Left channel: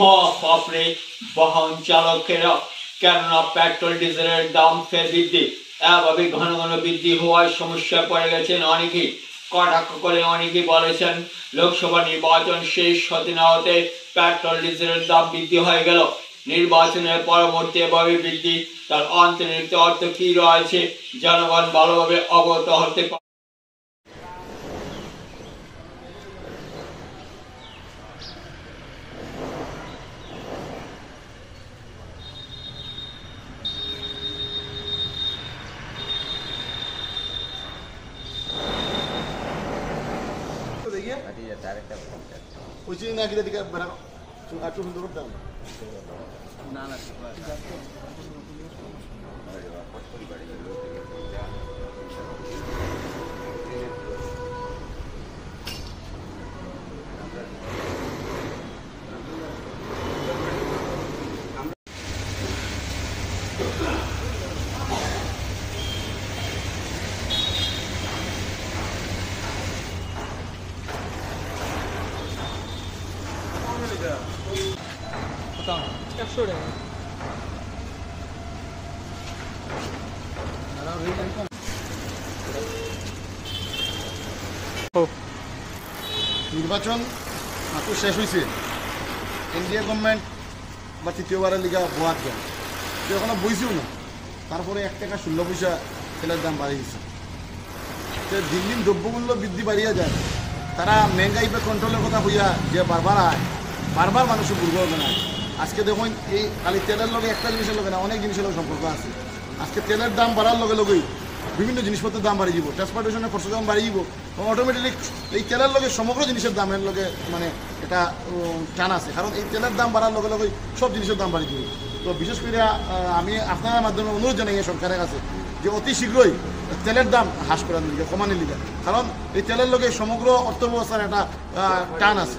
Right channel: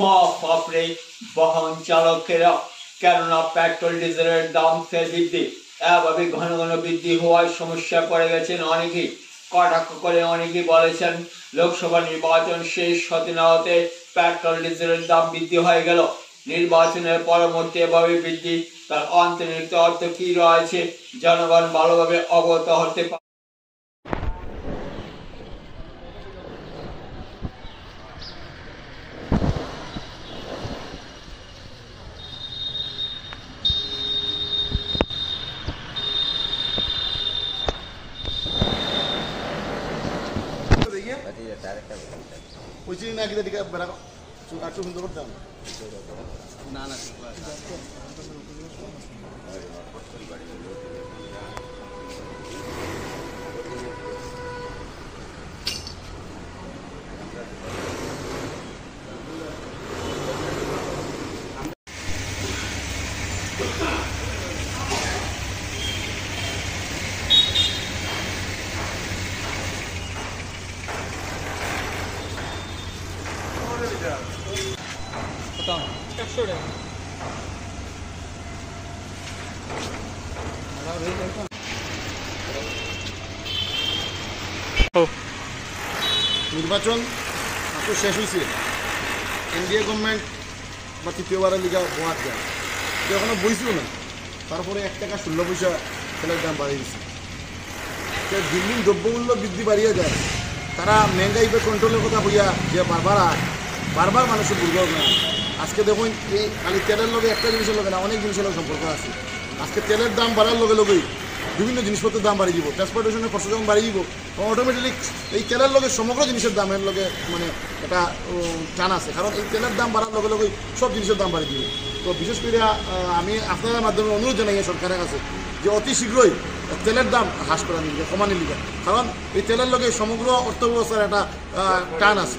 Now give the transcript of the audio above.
মহাপাপড়ে বাহন চালকেরা, কেননা পেট্রোল ডিজেলের দাম ফের বৃদ্ধি। এভাবে ঘন ঘন বৃদ্ধি হওয়ায় সমস্যায় পড়ে গেছেন অনেকেই। কটাক্ষ করে অনেকেই বলেছেন, লোকসভা নির্বাচন শেষ হতে না হতে পেট্রোল ডিজেলের দাম বৃদ্ধি হয়ে গেল। নির্বাচনের পরবর্তী এভাবে বৃদ্ধি, তার অন্তর্নিহিত অর্থ কি রয়েছে জনগণ ভালোভাবে অবগত হতে পারে। নির্বাচন মাত্র শেষ হয়েছে। কেন্দ্রীয় গভর্নমেন্ট বা তৃতীয়বারের লিগা হওয়ার যায় এখনো বইছেও না। তারপরে 1 টাকা 16 পয়সা তেলের দাম বাড়িয়ে দিচ্ছে। দিন দিন দ্রব্যমূল্য বৃদ্ধি বাড়িয়ে যায়। তারা মেহঙ্গাই কন্ট্রোলের কথা হইয়া যে বারবার মানুষের দুর্বল না। আজকে দেখুন এই খালি তেলের লগে একটা জিনিসের লগে না, অনেক জিনিসের লগে সম্পর্ক আছে। আজকে তেলের দাম বাড়ার লগে লগেই বিভিন্ন জিনিসপত্রের দাম বাড়িয়ে যাব, ট্রান্সপোর্টেশনের খরচ যখন বাড়িয়ে যাব তখন অটোমেটিকলি এই তেলের লগে সমগ্র জিনিসের দামের লগে মানে একটা টান আছে। কারণ এই তেলের দাম বাড়ার লগে লগেই সব জিনিসের দাম বাড়িয়ে দিবে। তো বিশেষ করে আমি আপনাদের মাধ্যমে অনুরোধ জানাই সরকারের কাছে যে অতি শীঘ্রই তেলের দাম হ্রাস করা নিবে, কমানি নিবে। কারণ এই তেলের লগে সমগ্র অর্থব্যবস্থার একটা টান আছে।